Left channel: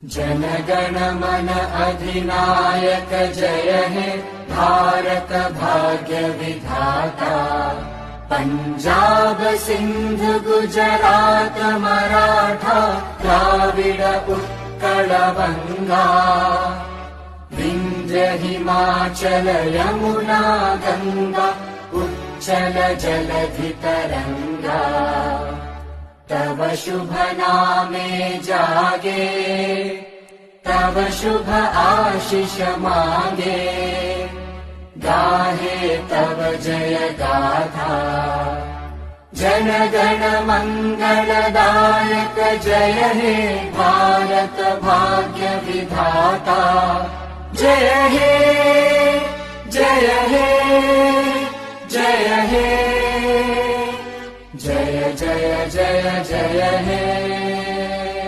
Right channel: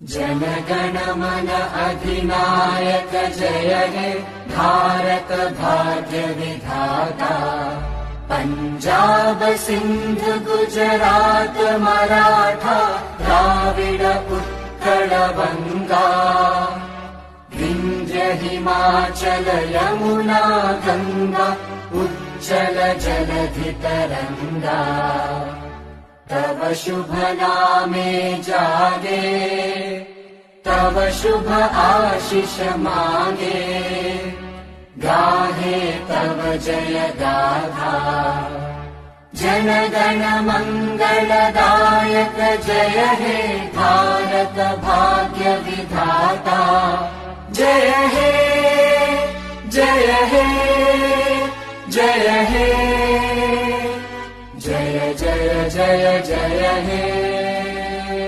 जन गण मन अधिनायक जय हे भारत भाग्य विधाता। पंजाब सिंध गुजरात मराठा द्राविड उत्कल बंगा। विंध्य हिमाचल यमुना गंगा उज्जल जलधि तरंगा। तव शुभ नामे जागे तव शुभ आशीष मांगे। गाहे तव जय गाथा जन गण मंगलदायक जय हे भारत भाग्य विधाता। जय हे जय हे जय हे जय जय जय जय हे।